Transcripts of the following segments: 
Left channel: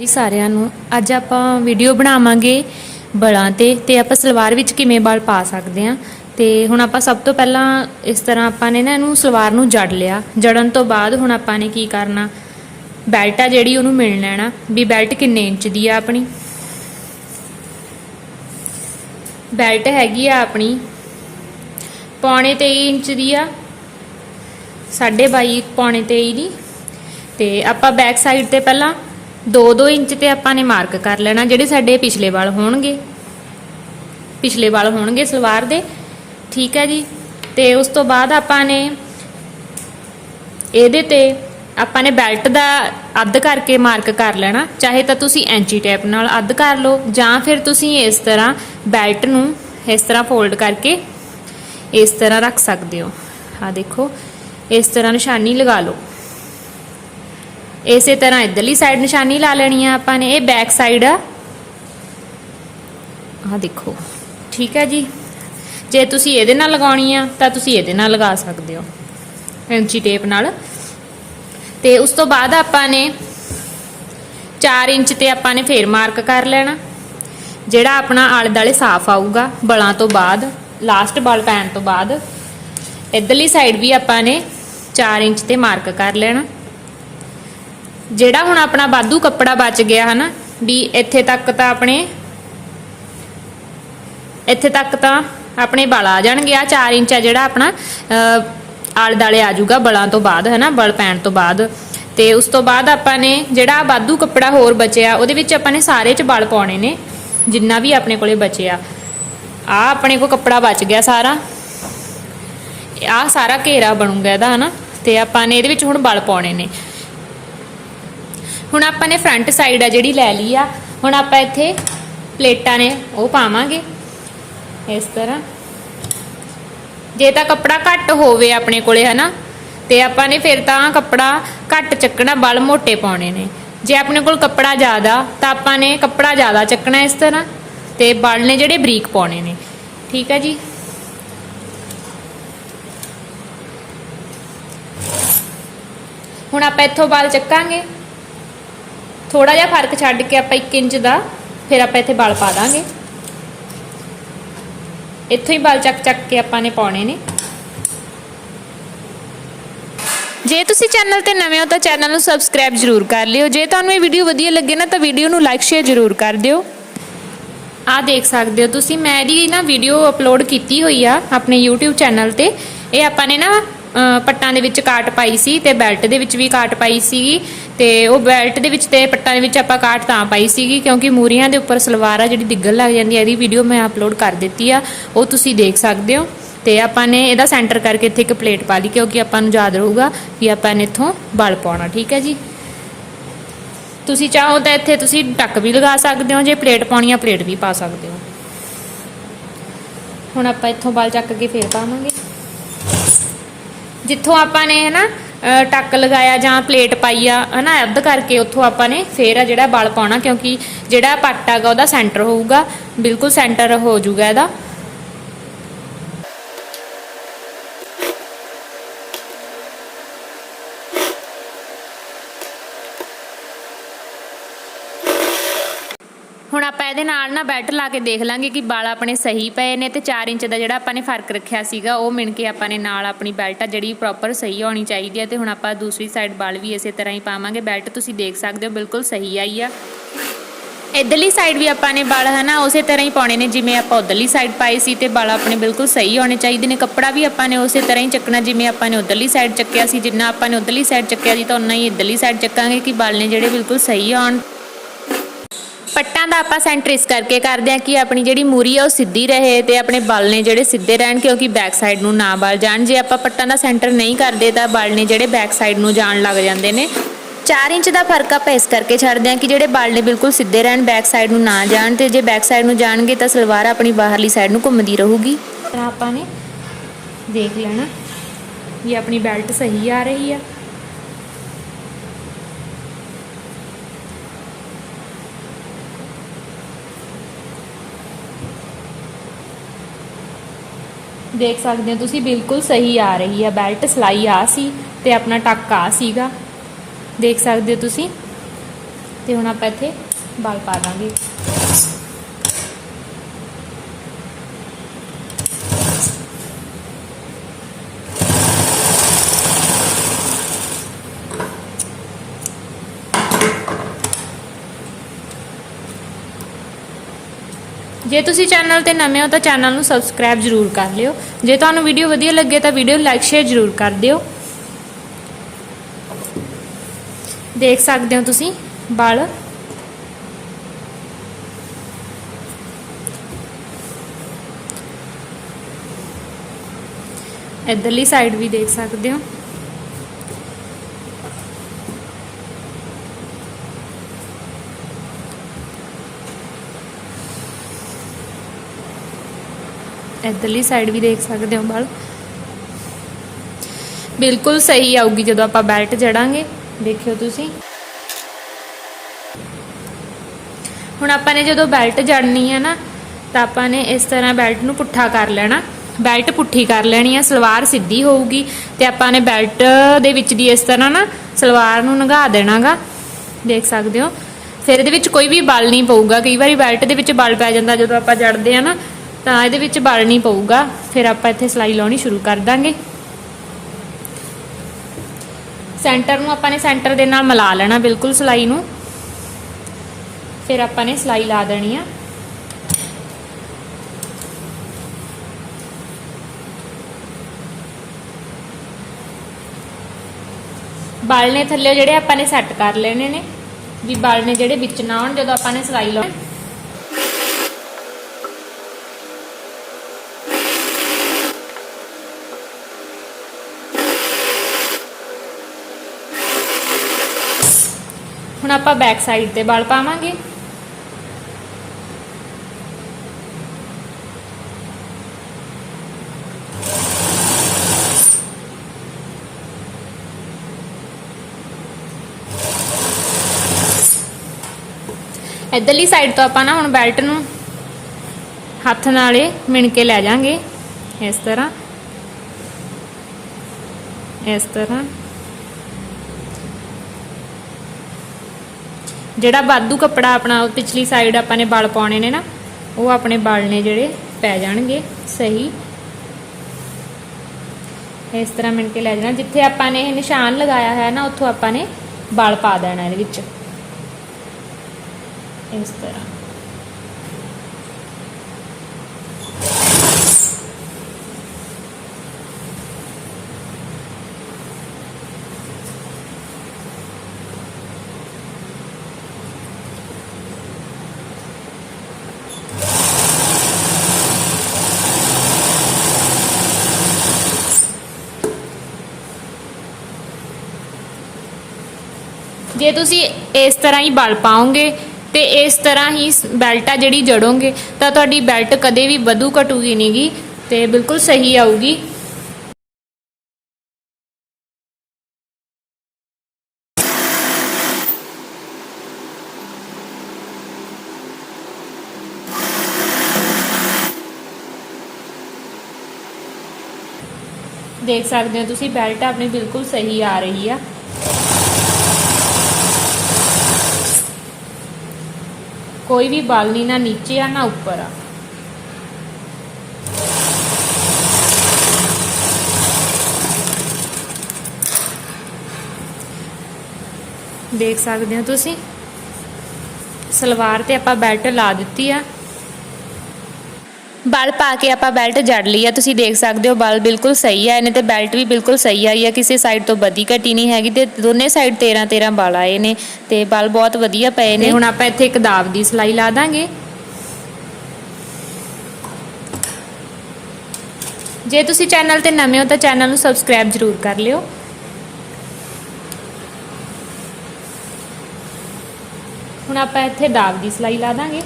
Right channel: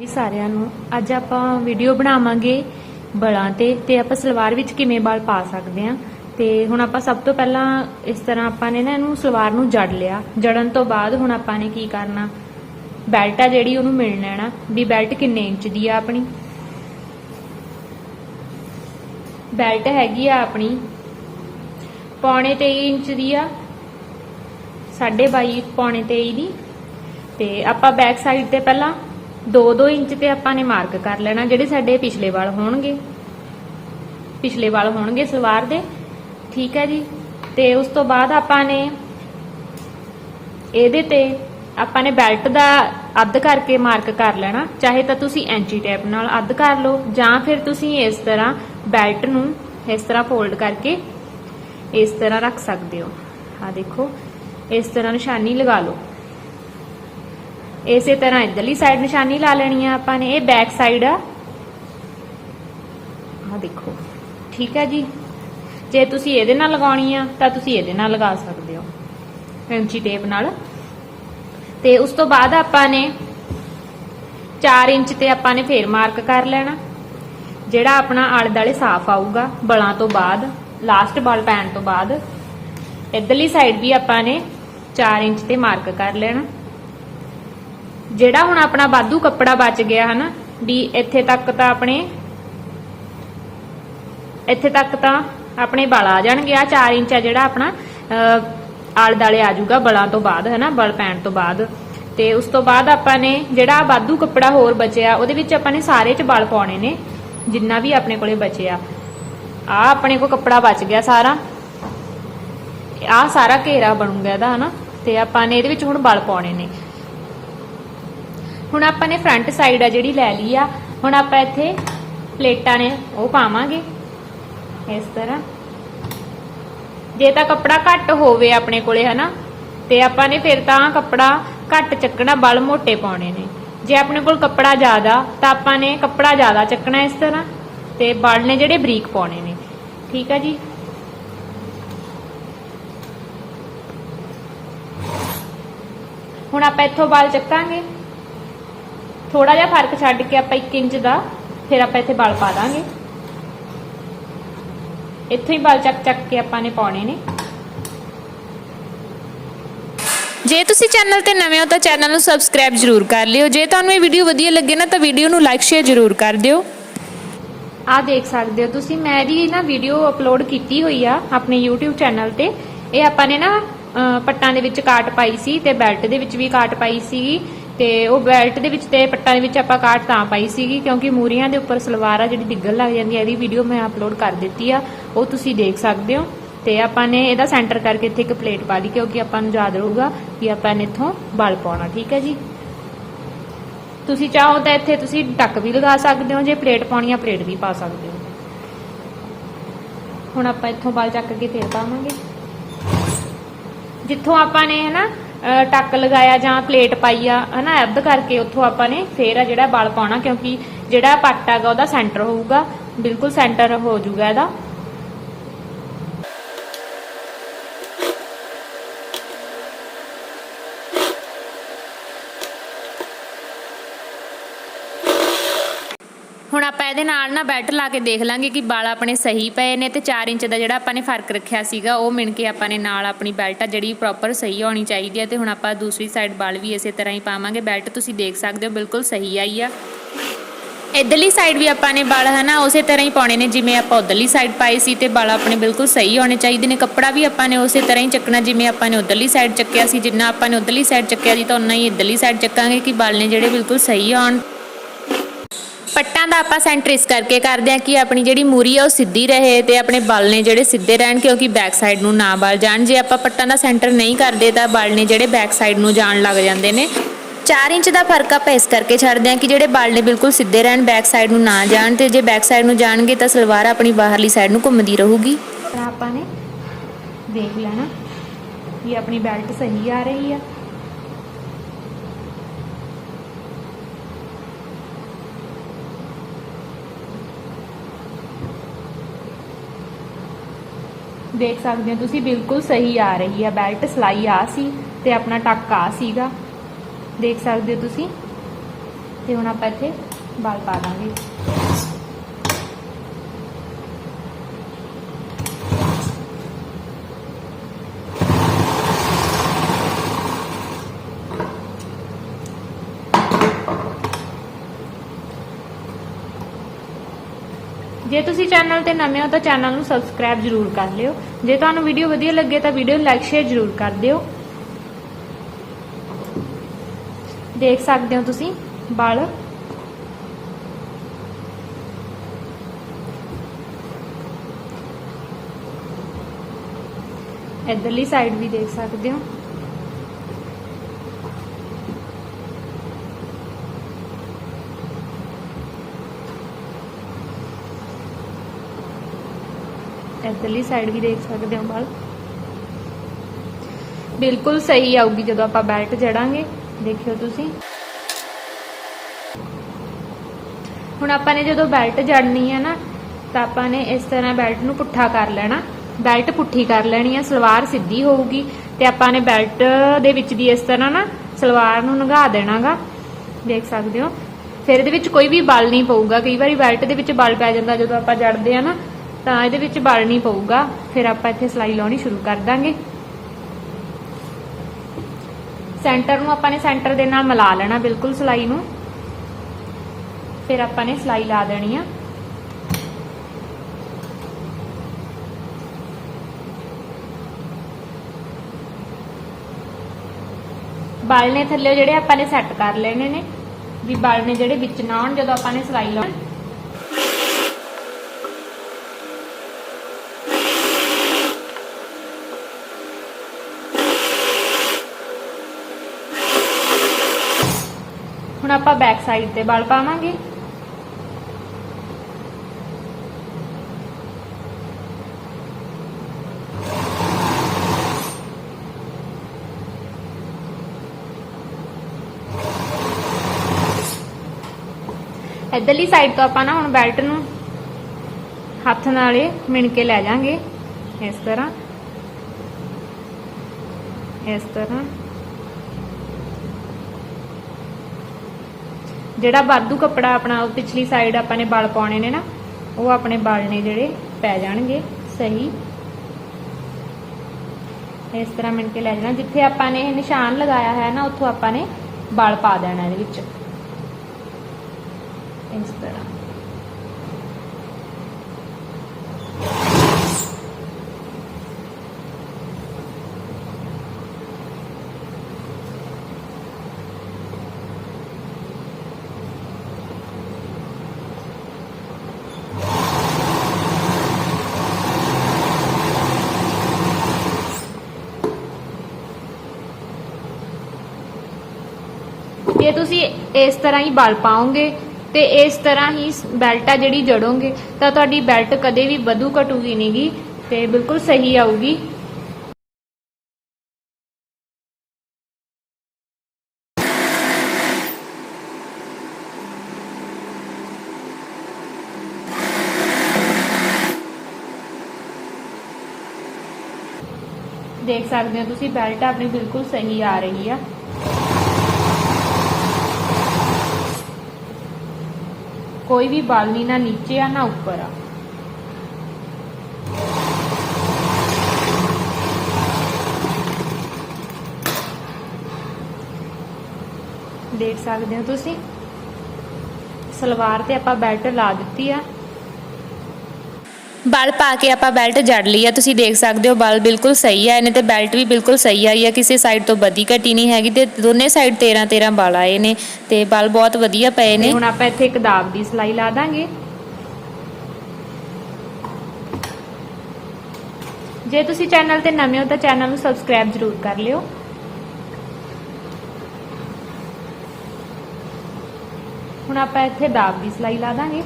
ਜੀ ਸਾਰਿਆਂ ਨੂੰ। ਅੱਜ ਆਪਾਂ ਵੀਡੀਓ ਬਣਾਵਾਂਗੇ ਬਲਾਂ ਤੇ ਤੇ ਆਪਾਂ ਸਲਵਾਰ ਵਿੱਚ ਕਿਵੇਂ ਬਲ ਪਾ ਸਕਦੇ ਆ ਤੇ ਹੁਣ ਆਪਾਂ ਸਭ ਤੋਂ ਪਹਿਲਾਂ ਇਸ ਤਰ੍ਹਾਂ ਆਪਾਂ ਨੇ ਨਾ ਇਹਨੂੰ ਸਲਵਾਰ ਨੂੰ ਜੜ ਲਿਆ। ਜੜਨ ਤੋਂ ਬਾਅਦ ਹੁਣ ਆਪਾਂ ਨੇ ਕੀ ਕਰਨਾ, ਬੈਲਟ ਆ ਜਿਹੜੀ ਉਹਨੂੰ ਮਿਲ ਲੈਣਾ। ਵੀ ਬੈਲਟ ਕਿੰਨੇ ਇੰਚ ਦੀ ਆ ਆਪਣੀ? ਬੈਲਟ ਹੈਗੀ ਆ ਆਪਣੀ ਪੌਣੇ 23 ਇੰਚ ਦੀ ਆ 22.5 ਪੌਣੇ 23 ਦੀ। ਤੇ ਆਪਾਂ ਬੈਕ ਸਾਈਡ ਤੇ ਪਹਿਲਾਂ 2-2 ਇੰਚ ਤੇ ਆਪਾਂ ਨੇ ਮਾਰਕ ਕਰ ਲੈਣਾ, ਜਿਹੜੇ ਸਾਡੇ ਪਿਛਲੇ ਵਾਲ ਹੋਣਗੇ। ਪਿਛਲੇ ਵਾਲ ਹੋਣਗੇ ਸਲਵਾਰ ਦੇ, ਠੀਕ ਹੈ ਜੀ? ਤੇ ਉਸ ਤੋਂ ਬਾਅਦ ਆਪਾਂ ਨੇ ਇਹਦੇ ਤੇ ਆਪਾਂ ਨੇ ਬੈਲਟ ਦਾ ਅੱਧ ਕਰਕੇ ਮਾਰਕ ਕਰ ਲੈਣਾ। ਚਾਹੇ ਤਾਂ ਤੁਸੀਂ ਐਂਚੀ ਟੇਪ ਨਾਲ ਅੱਧ ਕਰ ਲਓ, ਜਾਂ ਫਿਰ ਤੁਸੀਂ ਇਸ ਤਰ੍ਹਾਂ ਬੈਲਟ ਨੂੰ ਇਸ ਤਰ੍ਹਾਂ ਫੋਲਡ ਕਰਕੇ ਇਸ ਤਰ੍ਹਾਂ ਰੱਖ ਸਕਦੇ ਹੋ। ਆ ਦੇਖੋ, ਇਸ ਤਰ੍ਹਾਂ ਨਿਸ਼ਾਨੀ ਲਗਾ ਲਓ। ਇਸੇ ਤਰ੍ਹਾਂ ਇਧਰਲੀ ਸਾਈਡ ਨਿਸ਼ਾਨੀ ਲਾ ਲੈਣੀ ਆ ਆਪਾਂ ਨੇ, ਇਹ ਬੈਕ ਸਾਈਡ ਆ। ਆ ਦੇਖੋ, ਠੀਕ ਹੈ ਜੀ? ਜੇ ਤੁਸੀਂ ਇਹਦੇ ਨਾਲ ਲਗਾਉਣੀ ਆ, ਤਾਂ ਤੁਸੀਂ ਇਹਦੇ ਨਾਲ ਲਗਾ ਸਕਦੇ ਹੋ, ਐਂਚੀ ਟੇਪ ਨਾਲ। ਤੇ ਉਸ ਤੋਂ ਬਾਅਦ ਆਪਾਂ ਨੇ 4 ਇੰਚ ਤੇ ਆਪਾਂ ਨੇ ਫੇਰ ਮਾਰਕ ਕਰ ਲੈਣਾ, ਜਿਹੜਾ ਆਪਣਾ ਆਲੇ ਦਾਲੇ ਸਾਫ਼ ਆਊਗਾ, ਬਲਾਂ ਤੋਂ ਬਾਅਦ ਲਾਸਟ ਬਲ ਪੈਣ ਤੋਂ ਬਾਅਦ। ਇਧਰਲੀ ਸਾਈਡ ਵੀ ਆਪਾਂ ਨੇ 4 ਇੰਚ ਤੇ ਮਾਰਕ ਕਰ ਲੈਣਾ। ਜਿਹੜਾ ਹੁਣ ਆਪਣਾ ਬਾਦੂ ਕੱਪੜਾ ਬਚ ਗਿਆ ਹਨਾ, ਵੀ ਇੱਥੇ ਤੱਕ ਤਾਂ ਆਪਣੇ, ਇੱਥੇ ਤੱਕ ਤਾਂ ਆਪਣੇ ਬਲ ਆ ਜਾਣਗੇ। ਆ 4 ਇੰਚ ਆ ਜਿਹੜਾ ਆਪਣਾ ਆਲੇ ਦਾਲੇ ਆ ਜਾਊਗਾ ਬਲਾਂ ਤੋਂ ਬਾਅਦ ਹਨਾ, ਬਲ ਪੈਣ ਤੋਂ ਬਾਅਦ। ਤੇ ਉਸ ਤੋਂ ਬਾਅਦ ਆਪਾਂ ਨੇ ਜਿਹੜਾ ਬਾਦੂ ਕੱਪੜਾ ਹੋਰ ਬਚਿਆ, ਉਹਦੇ ਵਿੱਚ ਆਪਾਂ ਨੇ ਸਾਰੇ ਚ ਬਲ ਪਾਉਣੇ ਨੇ, ਜਿੰਨਾ ਵੀ ਆਪਣੇ ਕੋਲੇ ਬਚਿਆ। ਆ ਆਪਣੇ ਕੋਲ ਕੱਪੜਾ ਬਚ ਗਿਆ ਸਾਰਾ। ਆ ਸਾਰਾ ਘੇਰਾ ਬਣੂਗਾ ਇਹਦਾ ਹਨਾ, ਤੇ ਆਪਾਂ ਨੇ ਇਹਦੇ ਵਿੱਚ ਹੁਣ ਬਲ ਪਾਉਣੇ ਨੇ। ਹੁਣ ਆਪਾਂ ਨੇ ਫਰੰਟ ਸਾਈਡ ਆ ਜਿਹੜੀ ਲੈ ਲਈ ਆ। ਹੁਣ ਆਪਾਂ ਇੱਥੇ ਪਲੇਟਾਂ ਨੇ ਉਹ ਪਾਵਾਂਗੇ। ਇਸ ਤਰ੍ਹਾਂ। ਜੇ ਤਾਂ ਕੱਪੜਾ ਘੱਟ ਹੋਵੇ ਆਪਣੇ ਕੋਲੇ, ਹਨਾ? ਤੇ ਆਪਾਂ ਨੇ ਫਿਰ ਤਾਂ ਕੱਪੜਾ ਘੱਟ ਚੱਕਣਾ, ਬਲ ਮੋਟੇ ਪਾਉਣੇ ਨੇ। ਜੇ ਆਪਣੇ ਕੋਲ ਕੱਪੜਾ ਜ਼ਿਆਦਾ, ਤਾਂ ਆਪਾਂ ਨੇ ਕੱਪੜਾ ਜ਼ਿਆਦਾ ਚੱਕਣਾ ਇਸ ਤਰ੍ਹਾਂ। ਤੇ ਬਲ ਨੇ ਜਿਹੜੇ ਬਰੀਕ ਪਾਉਣੇ ਨੇ। ਠੀਕ ਹੈ ਜੀ? ਹੁਣ ਆਪਾਂ ਇੱਥੋਂ ਬਲ ਚੱਕਾਂਗੇ। ਥੋੜਾ ਜਿਹਾ ਫ਼ਰਕ ਛੱਡ ਕੇ ਆਪਾਂ 1 ਇੰਚ ਦਾ ਫਿਰ ਆਪਾਂ ਇੱਥੇ ਬਲ ਪਾ ਦਾਂਗੇ। ਇੱਥੋਂ ਹੀ ਬਲ ਚੱਕ ਚੱਕ ਕੇ ਆਪਾਂ ਨੇ ਪਾਉਣੇ ਨੇ। ਜੇ ਤੁਸੀਂ ਚੈਨਲ ਤੇ ਨਵੇਂ ਹੋ ਤਾਂ ਚੈਨਲ ਨੂੰ ਸਬਸਕ੍ਰਾਈਬ ਜ਼ਰੂਰ ਕਰ ਲਿਓ। ਜੇ ਤੁਹਾਨੂੰ ਇਹ ਵੀਡੀਓ ਵਧੀਆ ਲੱਗੇ ਨਾ ਤਾਂ ਵੀਡੀਓ ਨੂੰ ਲਾਈਕ ਸ਼ੇਅਰ ਜ਼ਰੂਰ ਕਰ ਦਿਓ। ਆ ਦੇਖ ਸਕਦੇ ਹੋ ਤੁਸੀਂ ਮੈਂ ਇਹਦੀ ਨਾ ਵੀਡੀਓ ਅਪਲੋਡ ਕੀਤੀ ਹੋਈ ਆ ਆਪਣੇ YouTube ਚੈਨਲ ਤੇ। ਇਹ ਆਪਾਂ ਨੇ ਨਾ ਪੱਟਾਂ ਦੇ ਵਿੱਚ ਕਾਟ ਪਾਈ ਸੀ ਤੇ ਬੈਲਟ ਦੇ ਵਿੱਚ ਵੀ ਕਾਟ ਪਾਈ ਸੀਗੀ ਤੇ ਉਹ ਬੈਲਟ ਦੇ ਵਿੱਚ ਤੇ ਪੱਟਾਂ ਦੇ ਵਿੱਚ ਆਪਾਂ ਕਾਟ ਤਾਂ ਪਾਈ ਸੀਗੀ ਕਿਉਂਕਿ ਮੂਰੀਆਂ ਦੇ ਉੱਪਰ ਸਲਵਾਰ ਆ ਜਿਹੜੀ ਡਿੱਗਣ ਲੱਗ ਜਾਂਦੀ ਹੈ ਇਹਦੀ ਵੀਡੀਓ ਮੈਂ ਅਪਲੋਡ ਕਰ ਦਿੱਤੀ ਆ, ਉਹ ਤੁਸੀਂ ਦੇਖ ਸਕਦੇ ਹੋ ਤੇ ਆਪਾਂ ਨੇ ਇਹਦਾ ਸੈਂਟਰ ਕਰਕੇ ਇੱਥੇ ਇੱਕ ਪਲੇਟ ਪਾ ਲਈ ਕਿਉਂਕਿ ਆਪਾਂ ਨੂੰ ਯਾਦ ਰਹੂਗਾ ਕਿ ਆਪਾਂ ਨੇ ਇੱਥੋਂ ਬਲ ਪਾਉਣਾ, ਠੀਕ ਹੈ ਜੀ? ਤੁਸੀਂ ਚਾਹੋ ਤਾਂ ਇੱਥੇ ਤੁਸੀਂ ਟੱਕ ਵੀ ਲਗਾ ਸਕਦੇ ਹੋ, ਜੇ ਪਲੇਟ ਪਾਉਣੀ ਆ ਪਲੇਟ ਵੀ ਪਾ ਸਕਦੇ ਹੋ। ਹੁਣ ਆਪਾਂ ਇੱਥੋਂ ਬਲ ਚੱਕ ਕੇ ਫੇਰ ਪਾਵਾਂਗੇ। ਜਿੱਥੋਂ ਆਪਾਂ ਨੇ ਹਨਾ ਟੱਕ ਲਗਾਇਆ ਜਾਂ ਪਲੇਟ ਪਾਈ ਆ, ਹਨਾ ਅੱਧ ਕਰਕੇ ਉੱਥੋਂ ਆਪਾਂ ਨੇ ਫੇਰ ਆ ਜਿਹੜਾ ਬਲ ਪਾਉਣਾ, ਕਿਉਂਕਿ ਜਿਹੜਾ ਪੱਟ ਹੈਗਾ ਉਹਦਾ ਸੈਂਟਰ ਹੋਊਗਾ, ਬਿਲਕੁਲ ਸੈਂਟਰ ਹੋ ਜਾਊਗਾ ਇਹਦਾ। ਹੁਣ ਆਪਾਂ ਇਹਦੇ ਨਾਲ ਨਾ ਬੈਲਟ ਲਾ ਕੇ ਦੇਖ ਲਾਂਗੇ ਕਿ ਵਾਲ ਆਪਣੇ ਸਹੀ ਪਏ ਨੇ ਤੇ 4 ਇੰਚ ਦਾ ਜਿਹੜਾ ਆਪਾਂ ਨੇ ਫ਼ਰਕ ਰੱਖਿਆ ਸੀਗਾ, ਉਹ ਮਿਣ ਕੇ ਆਪਾਂ ਨੇ ਨਾਲ ਆਪਣੀ ਬੈਲਟ ਆ ਜਿਹੜੀ ਪ੍ਰੋਪਰ ਸਹੀ ਹੋਣੀ ਚਾਹੀਦੀ ਹੈ ਤੇ ਹੁਣ ਆਪਾਂ ਦੂਸਰੀ ਸਾਈਡ ਵਾਲ ਵੀ ਇਸੇ ਤਰ੍ਹਾਂ ਹੀ ਪਾਵਾਂਗੇ। ਬੈਲਟ ਤੁਸੀਂ ਦੇਖ ਸਕਦੇ ਹੋ, ਬਿਲਕੁਲ ਸਹੀ ਆਈ ਆ। ਇਧਰਲੀ ਸਾਈਡ ਵੀ ਆਪਾਂ ਨੇ ਵਾਲ ਹਨਾ ਉਸੇ ਤਰ੍ਹਾਂ ਹੀ ਪਾਉਣੇ ਨੇ, ਜਿਵੇਂ ਆਪਾਂ ਉਧਰਲੀ ਸਾਈਡ ਪਾਏ ਸੀ ਤੇ ਵਾਲ ਆਪਣੇ ਬਿਲਕੁਲ ਸਹੀ ਹੋਣੇ ਚਾਹੀਦੇ ਨੇ। ਕੱਪੜਾ ਵੀ ਆਪਾਂ ਨੇ ਉਸੇ ਤਰ੍ਹਾਂ ਹੀ ਚੱਕਣਾ, ਜਿਵੇਂ ਆਪਾਂ ਨੇ ਉਧਰਲੀ ਸਾਈਡ ਚੱਕਿਆ ਸੀ, ਜਿੰਨਾ ਆਪਾਂ ਨੇ ਉਧਰਲੀ ਸਾਈਡ ਚੱਕਿਆ ਸੀ ਤਾਂ ਉਨਾ ਹੀ ਇਧਰਲੀ ਸਾਈਡ ਚੱਕਾਂਗੇ ਕਿ ਵਾਲ ਨੇ ਜਿਹੜੇ ਬਿਲਕੁਲ ਸਹੀ ਆਉਣ। ਪੱਟਾਂ ਦਾ ਆਪਾਂ ਸੈਂਟਰ ਇਸ ਕਰਕੇ ਕਰਦੇ ਆ ਕਿ ਆਪਣੀ ਜਿਹੜੀ ਮੂਰੀ ਆ ਉਹ ਸਿੱਧੀ ਰਹੇ ਤੇ ਆਪਣੇ ਬਲ ਨੇ ਜਿਹੜੇ ਸਿੱਧੇ ਰਹਿਣ ਕਿਉਂਕਿ ਬੈਕ ਸਾਈਡ ਨੂੰ ਨਾ ਬਲ ਜਾਣ। ਜੇ ਆਪਾਂ ਪੱਟਾਂ ਦਾ ਸੈਂਟਰ ਨਹੀਂ ਕਰਦੇ ਤਾਂ ਬਲ ਨੇ ਜਿਹੜੇ ਬੈਕ ਸਾਈਡ ਨੂੰ ਜਾਣ ਲੱਗ ਜਾਂਦੇ ਨੇ। 4 ਇੰਚ ਦਾ ਫ਼ਰਕ ਆਪਾਂ ਇਸ ਕਰਕੇ ਛੱਡਦੇ ਆ ਕਿ ਜਿਹੜੇ ਬਲ ਨੇ ਬਿਲਕੁਲ ਸਿੱਧੇ ਰਹਿਣ ਬੈਕ ਸਾਈਡ ਨੂੰ ਨਾ ਜਾਣ ਤੇ ਜੇ ਬੈਕ ਸਾਈਡ ਨੂੰ ਜਾਣਗੇ ਤਾਂ ਸਲਵਾਰ ਆਪਣੀ ਬਾਹਰਲੀ ਸਾਈਡ ਨੂੰ ਘੁੰਮਦੀ ਰਹੂਗੀ। ਤਾਂ ਆਪਾਂ ਨੇ ਦੇਖ ਲੈਣਾ ਵੀ ਆਪਣੀ ਬੈਲਟ ਸਹੀ ਆ ਰਹੀ ਆ। ਦੇਖ ਸਕਦੇ ਹੋ, ਤੁਸੀਂ ਬਿਲਕੁਲ ਸਹੀ ਆ ਰਹੀ ਹੈ ਬੈਲਟ ਸਲਾਈ ਆ ਸੀ ਤੇ ਆਪਣਾ ਟੱਕ ਆ ਸੀਗਾ। ਦੇਖ ਸਕਦੇ ਹੋ ਤੁਸੀਂ? ਤੇ ਹੁਣ ਆਪਾਂ ਇੱਥੇ ਵਾਲ ਪਾ ਦਾਂਗੇ। ਜੇ ਤੁਸੀਂ ਚੈਨਲ ਤੇ ਨਵੇਂ ਹੋ ਤਾਂ ਚੈਨਲ ਨੂੰ ਸਬਸਕ੍ਰਾਈਬ ਜ਼ਰੂਰ ਕਰ ਲਿਓ। ਜੇ ਤੁਹਾਨੂੰ ਵੀਡੀਓ ਵਧੀਆ ਲੱਗੇ ਤਾਂ ਵੀਡੀਓ ਲਾਈਕ ਸ਼ੇਅਰ ਜ਼ਰੂਰ ਕਰ ਦਿਓ। ਦੇਖ ਸਕਦੇ ਹੋ ਤੁਸੀਂ ਵਾਲ ਇਧਰਲੀ ਸਾਈਡ ਵੀ ਦੇਖ ਸਕਦੇ ਹੋ। ਇਧਰਲੀ ਸਾਈਡ ਵੀ ਦੇਖ ਸਕਦੇ ਹੋ ਵਾਲ ਬਿਲਕੁਲ ਸਹੀ ਆਊਗੀ ਜਦੋਂ ਆਪਾਂ ਬੈਲਟ ਜੜਾਂਗੇ, ਦੇਖਿਓ ਤੁਸੀਂ। ਹੁਣ ਆਪਾਂ ਨੇ ਜਦੋਂ ਬੈਲਟ ਜੜਨੀ ਹੈ ਨਾ, ਤਾਂ ਆਪਾਂ ਨੇ ਇਸ ਤਰ੍ਹਾਂ ਬੈਲਟ ਨੂੰ ਪੁੱਠਾ ਕਰ ਲੈਣਾ। ਬੈਲਟ ਪੁੱਠੀ ਕਰ ਲੈਣੀ ਹੈ ਸਲਵਾਰ ਸਿੱਧੀ ਹੋਊਗੀ ਤੇ ਆਪਾਂ ਨੇ ਬੈਲਟ ਦੇ ਵਿੱਚ ਦੀ ਇਸ ਤਰ੍ਹਾਂ ਨਾ ਸਲਵਾਰ ਨੂੰ ਨਗਾ ਦੇਣਾਗਾ। ਦੇਖ ਸਕਦੇ ਹੋ? ਫਿਰ ਇਹਦੇ ਵਿੱਚ ਕੋਈ ਵੀ ਬਲ ਨਹੀਂ ਪਊਗਾ। ਕਈ ਵਾਰੀ ਬੈਲਟ ਦੇ ਵਿੱਚ ਬਲ ਪੈ ਜਾਂਦਾ ਜਦੋਂ ਆਪਾਂ ਜੜਦੇ ਆ ਨਾ ਤਾਂ ਇਹਦੇ ਵਿੱਚ ਬਲ ਨਹੀਂ ਪਊਗਾ। ਫਿਰ ਆਪਾਂ ਇੱਥੇ ਸਲਾਈ ਲਾਉਣੀ ਸ਼ੁਰੂ ਕਰ ਦਾਂਗੇ। ਸੈਂਟਰ ਨੂੰ ਆਪਾਂ ਨੇ ਸੈਂਟਰ ਦੇ ਨਾਲ ਮਿਲਾ ਲੈਣਾ ਬਿਲਕੁਲ ਸਲਾਈ ਨੂੰ। ਫਿਰ ਆਪਾਂ ਨੇ ਸਲਾਈ ਲਾ ਦੇਣੀ ਆ। ਬਾਲ ਨੇ ਥੱਲੇ ਜਿਹੜੇ ਆਪਾਂ ਨੇ ਸੈੱਟ ਕਰ ਲੈਣੇ ਨੇ, ਵੀ ਬਾਲ ਨੇ ਜਿਹੜੇ ਵਿੱਚ ਨਾ ਆਉਣ ਜਦੋਂ ਆਪਾਂ ਨੇ ਸਲਾਈ ਲਾਉਣੀ। ਹੁਣ ਆਪਾਂ ਬੈਕ ਸਾਈਡ ਤੇ ਬਲ ਪਾਵਾਂਗੇ। ਇਧਰਲੀ ਸਾਈਡ ਤੋਂ ਆਪਾਂ ਨਾ ਹੁਣ ਬੈਲਟ ਨੂੰ ਹੱਥ ਨਾਲੇ ਮਿਣ ਕੇ ਲੈ ਜਾਾਂਗੇ। ਇਸ ਤਰ੍ਹਾਂ। ਇਸ ਤਰ੍ਹਾਂ। ਜਿਹੜਾ ਬਾਦੂ ਕੱਪੜਾ ਆਪਣਾ ਪਿਛਲੀ ਸਾਈਡ ਆਪਾਂ ਨੇ ਬਲ ਪਾਉਣੇ ਨੇ ਨਾ, ਉਹ ਆਪਣੇ ਬਲ ਨੇ ਜਿਹੜੇ ਪੈ ਜਾਣਗੇ, ਸਹੀ। ਇਸ ਤਰ੍ਹਾਂ ਮਿਣ ਕੇ ਲੈ ਜਾਣਾ। ਜਿੱਥੇ ਆਪਾਂ ਨੇ ਇਹ ਨਿਸ਼ਾਨ ਲਗਾਇਆ ਹੈ ਨਾ, ਉੱਥੋਂ ਆਪਾਂ ਨੇ ਬਲ ਪਾ ਦੇਣਾ ਇਹਦੇ ਵਿੱਚ। ਇਸ ਤਰ੍ਹਾਂ। ਜੇ ਤੁਸੀਂ ਇਸ ਤਰ੍ਹਾਂ ਹੀ ਬਲ ਪਾਓਗੇ ਤੇ ਇਸ ਤਰ੍ਹਾਂ ਹੀ ਬੈਲਟ ਆ ਜਿਹੜੀ ਜੜੋਗੇ ਤਾਂ ਤੁਹਾਡੀ ਬੈਲਟ ਕਦੇ ਵੀ ਵਧੂ ਘਟੂਗੀ ਨਹੀਂਗੀ ਤੇ ਬਿਲਕੁਲ ਸਹੀ ਆਊਗੀ। ਦੇਖ ਸਕਦੇ ਹੋ ਤੁਸੀਂ ਬੈਲਟ ਆਪਣੀ ਬਿਲਕੁਲ ਸਹੀ ਆ ਰਹੀ ਆ। ਕੋਈ ਵੀ ਬਲ ਨਹੀਂ ਨਾ ਨੀਚੇ ਆ, ਨਾ ਉੱਪਰ ਆ। ਦੇਖ ਸਕਦੇ ਹੋ ਤੁਸੀਂ। ਸਲਵਾਰ ਤੇ ਆਪਾਂ ਬੈਲਟ ਲਾ ਦਿੱਤੀ ਆ। ਬਲ ਪਾ ਕੇ ਆਪਾਂ ਬੈਲਟ ਜੜ ਲਈ ਆ, ਤੁਸੀਂ ਦੇਖ ਸਕਦੇ ਹੋ ਬਲ ਬਿਲਕੁਲ ਸਹੀ ਆ, ਇਹਨੇ ਤੇ ਬੈਲਟ ਵੀ ਬਿਲਕੁਲ ਸਹੀ ਆਈ ਆ, ਕਿਸੇ ਸਾਈਡ ਤੋਂ ਵਧੀ ਘਟੀ ਨਹੀਂ ਹੈਗੀ ਤੇ ਦੋਨੇ ਸਾਈਡ 13 13 ਬਲ ਆਏ ਨੇ ਤੇ ਬਲ ਬਹੁਤ ਵਧੀਆ ਪਏ ਨੇ। ਹੁਣ ਆਪਾਂ ਇੱਥੇ ਇੱਕ ਦਾਬ ਦੀ ਸਲਾਈ ਲਾ ਦਾਂਗੇ। ਜੇ ਤੁਸੀਂ ਚੈਨਲ ਤੇ ਨਵੇਂ ਹੋ ਤਾਂ ਚੈਨਲ ਨੂੰ ਸਬਸਕ੍ਰਾਈਬ ਜ਼ਰੂਰ ਕਰ ਲਿਓ। ਹੁਣ ਆਪਾਂ ਇੱਥੇ ਦਾਬ ਦੀ ਸਲਾਈ ਲਾ ਦਾਂਗੇ।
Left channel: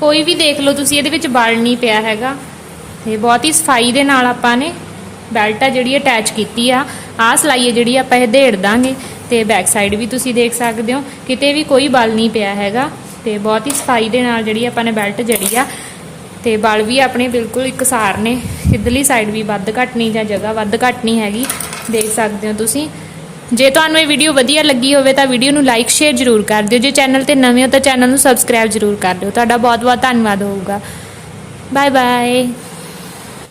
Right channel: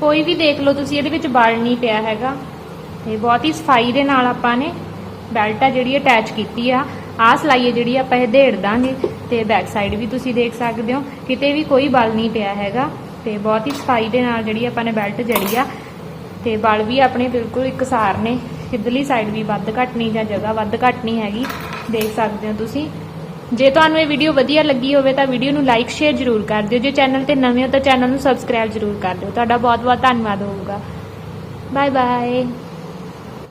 ਕੋਈ ਵੀ ਦੇਖ ਲਓ, ਤੁਸੀਂ ਇਹਦੇ ਵਿੱਚ ਬਲ ਨਹੀਂ ਪਿਆ ਹੈਗਾ। ਤੇ ਬਹੁਤ ਹੀ ਸਫ਼ਾਈ ਦੇ ਨਾਲ ਆਪਾਂ ਨੇ ਬੈਲਟ ਆ ਜਿਹੜੀ ਅਟੈਚ ਕੀਤੀ ਆ। ਆਹ ਸਲਾਈ ਹੈ ਜਿਹੜੀ ਆਪਾਂ ਇਹ ਢੇੜ ਦਾਂਗੇ। ਤੇ ਬੈਕ ਸਾਈਡ ਵੀ ਤੁਸੀਂ ਦੇਖ ਸਕਦੇ ਹੋ, ਕਿਤੇ ਵੀ ਕੋਈ ਬਲ ਨਹੀਂ ਪਿਆ ਹੈਗਾ। ਤੇ ਬਹੁਤ ਹੀ ਸਫ਼ਾਈ ਦੇ ਨਾਲ ਜਿਹੜੀ ਆਪਾਂ ਨੇ ਬੈਲਟ ਜੜੀ ਆ, ਤੇ ਬਲ ਵੀ ਆਪਣੇ ਬਿਲਕੁਲ ਇਕਸਾਰ ਨੇ। ਇਧਰਲੀ ਸਾਈਡ ਵੀ ਵੱਧ ਘੱਟ ਨਹੀਂ ਜਾਂ ਜਗ੍ਹਾ ਵੱਧ ਘੱਟ ਨਹੀਂ ਹੈਗੀ। ਦੇਖ ਸਕਦੇ ਹੋ ਤੁਸੀਂ। ਜੇ ਤੁਹਾਨੂੰ ਇਹ ਵੀਡੀਓ ਵਧੀਆ ਲੱਗੀ ਹੋਵੇ ਤਾਂ ਵੀਡੀਓ ਨੂੰ ਲਾਈਕ ਸ਼ੇਅਰ ਜ਼ਰੂਰ ਕਰ ਦਿਓ। ਜੇ ਚੈਨਲ ਤੇ ਨਵੇਂ ਹੋ ਤਾਂ ਚੈਨਲ ਨੂੰ ਸਬਸਕ੍ਰਾਈਬ ਜ਼ਰੂਰ ਕਰ ਦਿਓ। ਤੁਹਾਡਾ ਬਹੁਤ ਬਹੁਤ ਧੰਨਵਾਦ ਹੋਊਗਾ। Bye bye